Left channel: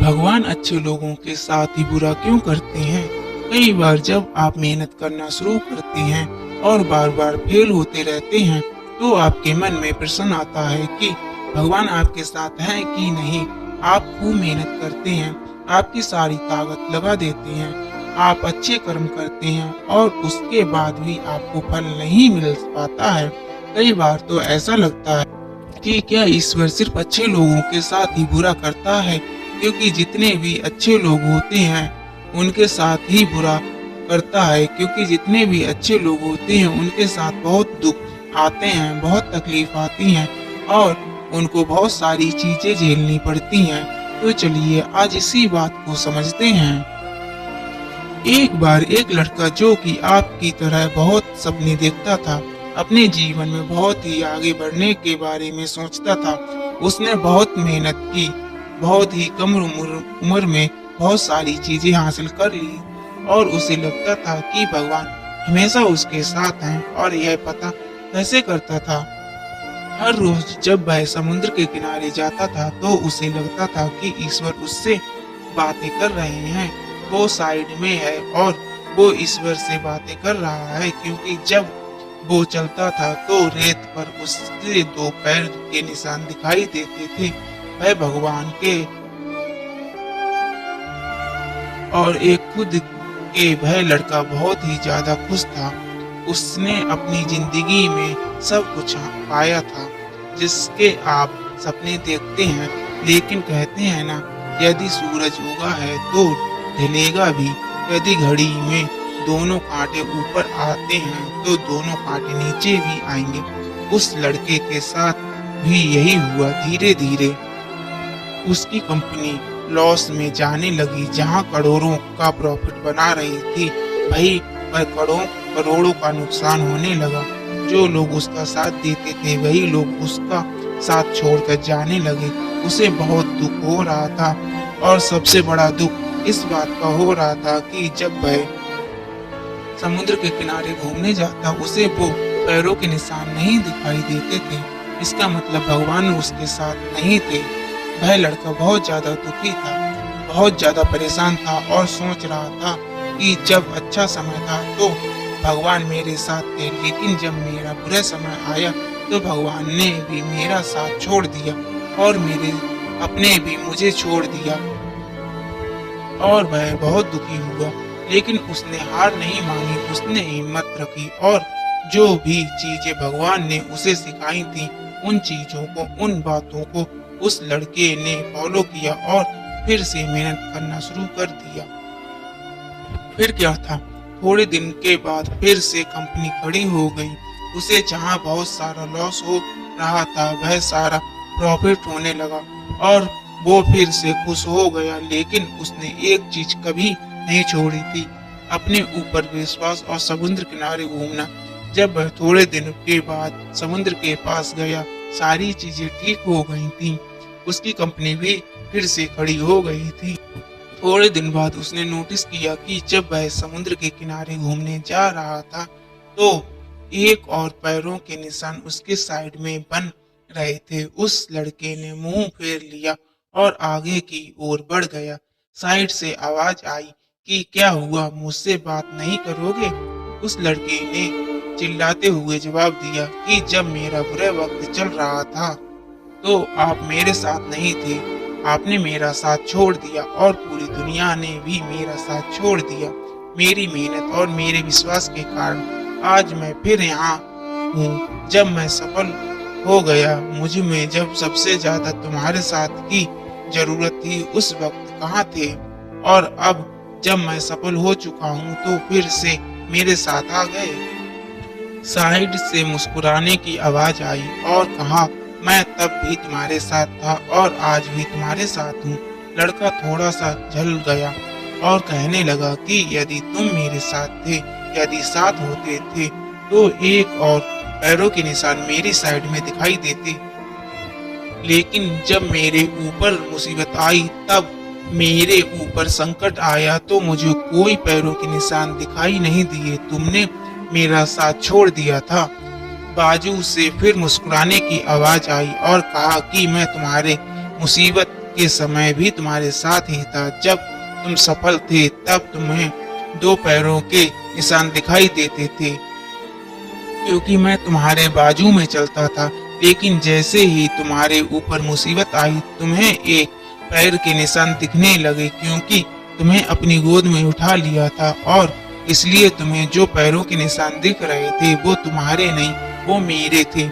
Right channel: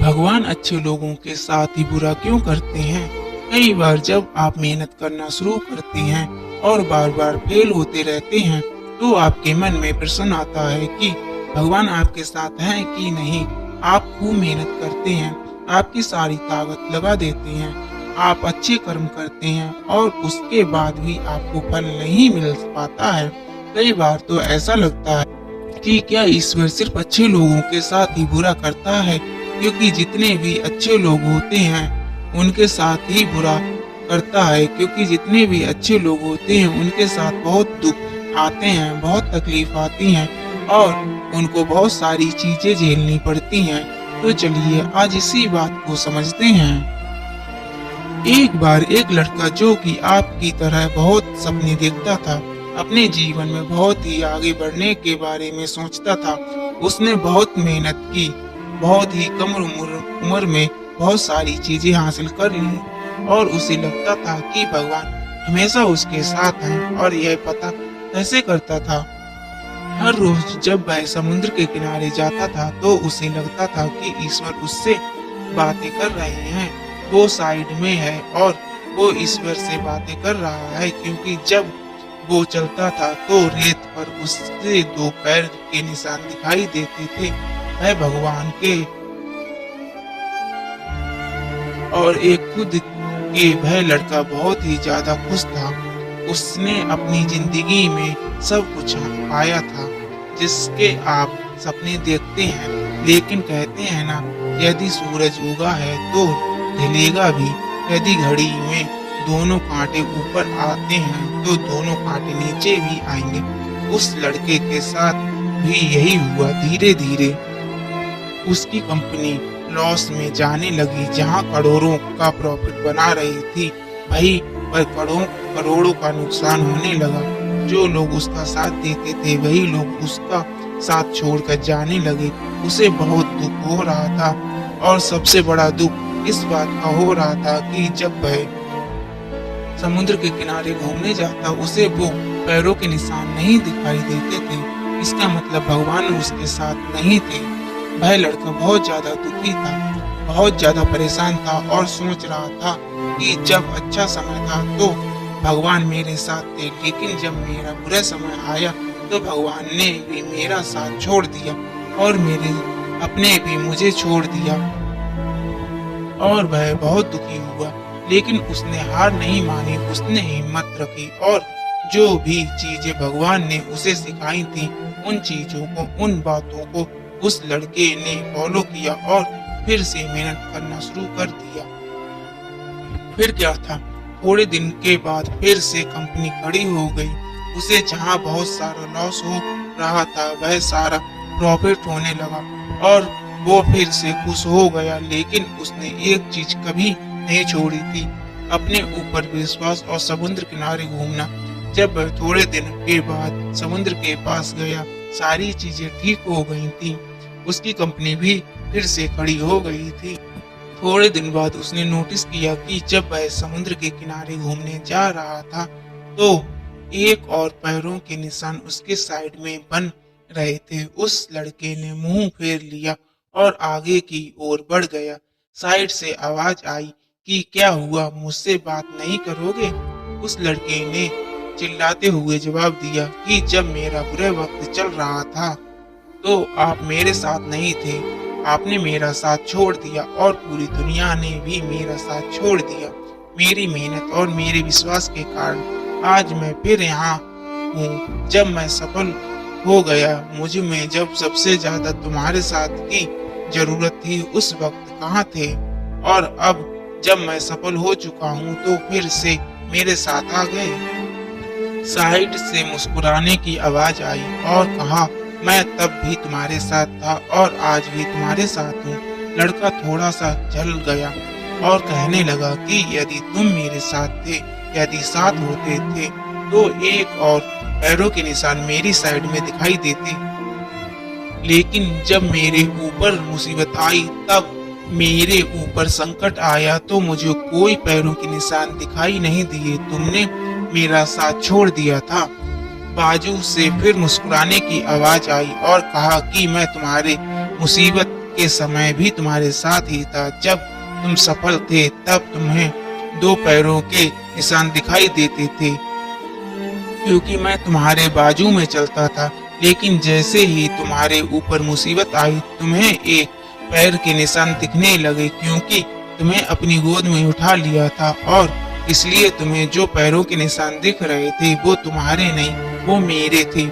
भगवान अच्छे लोगों के साथ ही बुरा क्यों करते हैं? कई बार जब आप मेहनत करना शुरू करते हैं और बार बार फेल होते रहते हैं, तो आपके मन में प्रश्न आता है कि भगवान आपके साथ हैं कि नहीं। आप खूब मेहनत करते हैं, आपकी सारी ताकत लगा देते हैं, आप अच्छे कर्म करते हैं और उसके बाद भी आपको फल नहीं मिल पाता है। कई बार तो ऐसा लगता है कि क्या ईश्वर सिर्फ अच्छे लोगों के साथ ही बुरा करता है, क्योंकि जितने भी अच्छे लोग होते हैं उनके साथ ही बुरा करता है, क्योंकि जितने भी अच्छे लोग होते हैं उनके साथ बहुत दुख आते हैं, बहुत तकलीफ आती हैं और उनको बहुत सारी चीजें झेलनी पड़ती हैं। तो चलिए आज इसी बात को समझते हैं। एक बार एक लड़का जो कि आपकी तरह बहुत सपने देखता था, अपने जीवन में बहुत ही आगे बढ़ने के बारे में सोचता था। उसने बहुत मेहनत की, बहुत ही कम उम्र में बहुत सारी चीजें हासिल कर ली और उसे लगता था कि भगवान हमेशा उसके साथ हैं। और यह पता कैसे करता था? हर रोज जब वह समुद्र के किनारे जाता था तो उसे लगता था कि ईश्वर उससे बातें कर रहे हैं, वो साइड में है और वो ईश्वर से बातें कर रहा है, क्योंकि जब वो चलता था तो रेत पर उसके दो पैर के निशान दिखाई देते थे। वह भगवान के और एक खुद के वह लड़का बहुत ही ज्यादा खुश था। उसने अपनी जिंदगी में सब कुछ पाया था जिसके आप सपने देखते हैं, लेकिन कहते हैं ना, यदि सूरज उगा है तो ढलेगा भी। यदि घड़ी में दोनों कांटे ऊपर आते हैं तो दोनों कांटे नीचे भी आएंगे। उस लड़के के साथ भी यही हुआ। धीरे धीरे उसकी कंपनी लॉस में जाने लगी। जहां करोड़ों का प्रॉफिट बना रही थी, वहीं पर करोड़ों का नुकसान होने लगा। जो लोग उसका साथ देते थे वही लोग उसका साथ छोड़कर जाने लगे। उसे बहुत दुख हो रहा था और सबसे बड़ा दुख इस बात का हो रहा था कि जब वह समुद्र के किनारे घूमने जाता उसे वो पैरों के निशान नहीं दिखाई देते थे। इसका मतलब भगवान उसके साथ नहीं थे। वह लड़का बहुत ज्यादा दुखी था, बहुत ज्यादा परेशान था और सोच रहा था कि जब अच्छा समय था तो भगवान मेरे साथ थे, लेकिन जब मेरा बुरा समय आया तो भगवान ने भी मेरा साथ छोड़ दिया और मेरे अपने भी मुझे छोड़ दिया। और वह बहुत दुखी हुआ, लेकिन उसने हार नहीं मानी। उसने हिम्मत रखी और जो भी चीजें भगवान ने उसे सिखाई थी, उन चीजों को, उन बातों को उस लड़के ने फॉलो किया और फिर से मेहनत करना शुरू कर दिया। फिर क्या था, थोड़े दिन के बाद फिर से कंपनी खड़ी हो गई। उसे जहां बहुत सारा लॉस हो रहा था वह सारा प्रॉफिट होने लगा और वो फिर से खुश हो गया। लेकिन उसने एक चीज कभी नहीं छोड़ी थी, अपने ऊपर विश्वास और समुद्र किनारे घूमना। जब वह थोड़े दिन के बाद समुद्र के पास गया, सारी चीजें ठीक हो गई थी। उसकी कंपनी भी फिर से खड़ी हो गई थी। थोड़े दिन बाद उसने नोटिस किया कि जब वह समुद्र के किनारे घूमने जा रहा था तो एक और पैरों के निशान उसके साइड में बन रहे थे। उस लड़के ने मुंह फेर लिया और आगे की ओर बढ़ गया। साइड से आवाज आई कि क्या हुआ, मुझसे बात नहीं करोगे? उस लड़के ने चिल्लाते हुए जवाब दिया कि जब मेरा बुरा वक्त चल रहा था तो आप मेरे साथ नहीं थे, आपने मेरा साथ छोड़ दिया और पूरी दुनिया ने भी मेरा साथ छोड़ दिया। मेरी मेहनत और मेरे विश्वास के कारण आज मैं फिर यहाँ हूँ। जब मैं सफल हो गया, मुझ में जब सबसे ज्यादा तुम्हारे साथ की जरूरत थी उस वक्त कहाँ थे? और अब जब मैं सफल हो चुका हूँ तो फिर से मेरे साथ आ गए। साइड से मुस्कुराने की आवाज आई और कहा, मैं तब भी तुम्हारे साथ था और आज भी तुम्हारे साथ हूँ। लड़का थोड़ा सा जल गया और कहने लगा कि यदि तुम मेरे साथ थे, यदि साथ होते थे तो एक और पैरों के निशान मेरी साइड में दिखाई देते। लेकिन जब मेरे ऊपर मुसीबत आई, तब मेरे ऊपर संकट आया तो मुझे कोई पैरों के निशान दिखाई नहीं दिए। तुमने मेरा साथ छोड़ दिया था। बाजू से फिर मुस्कुराने की आवाज आई और कहा कि मैं तुम्हारे मुसीबत के समय भी तुम्हारे साथ ही था। जब तुम सफल थे तब तुम्हें 2 पैरों के निशान दिखाई देते थे, क्योंकि मैं तुम्हारे बाजू में चलता था। लेकिन जैसे ही तुम्हारे ऊपर मुसीबत आई, तुम्हें एक पैर के निशान दिखने लगे, क्योंकि तुम्हें अपनी गोद में उठा लिया था और इसलिए तुम्हें जो पैरों के निशान दिख रहे थे वो तुम्हारे नहीं, वो मेरे थे।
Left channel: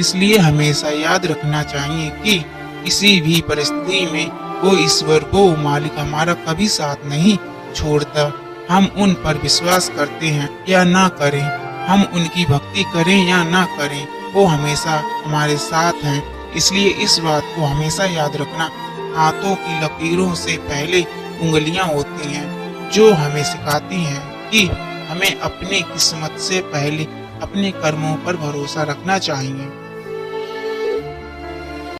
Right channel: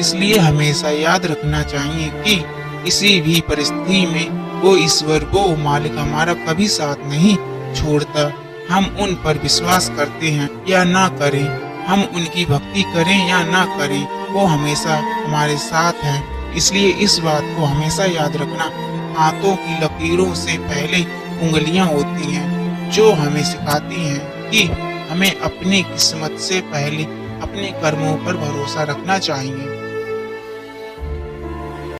इसलिए हमेशा याद रखना चाहिए कि किसी भी परिस्थिति में वो ईश्वर, वो मालिक हमारा कभी साथ नहीं छोड़ता। हम उन पर विश्वास करते हैं या ना करें, हम उनकी भक्ति करें या ना करें, वो हमेशा हमारे साथ हैं। इसलिए इस बात को हमेशा याद रखना, हाथों की लकीरों से पहले उंगलियां होती हैं, जो हमें सिखाती हैं कि हमें अपनी किस्मत से पहले अपने कर्मों पर भरोसा रखना चाहिए।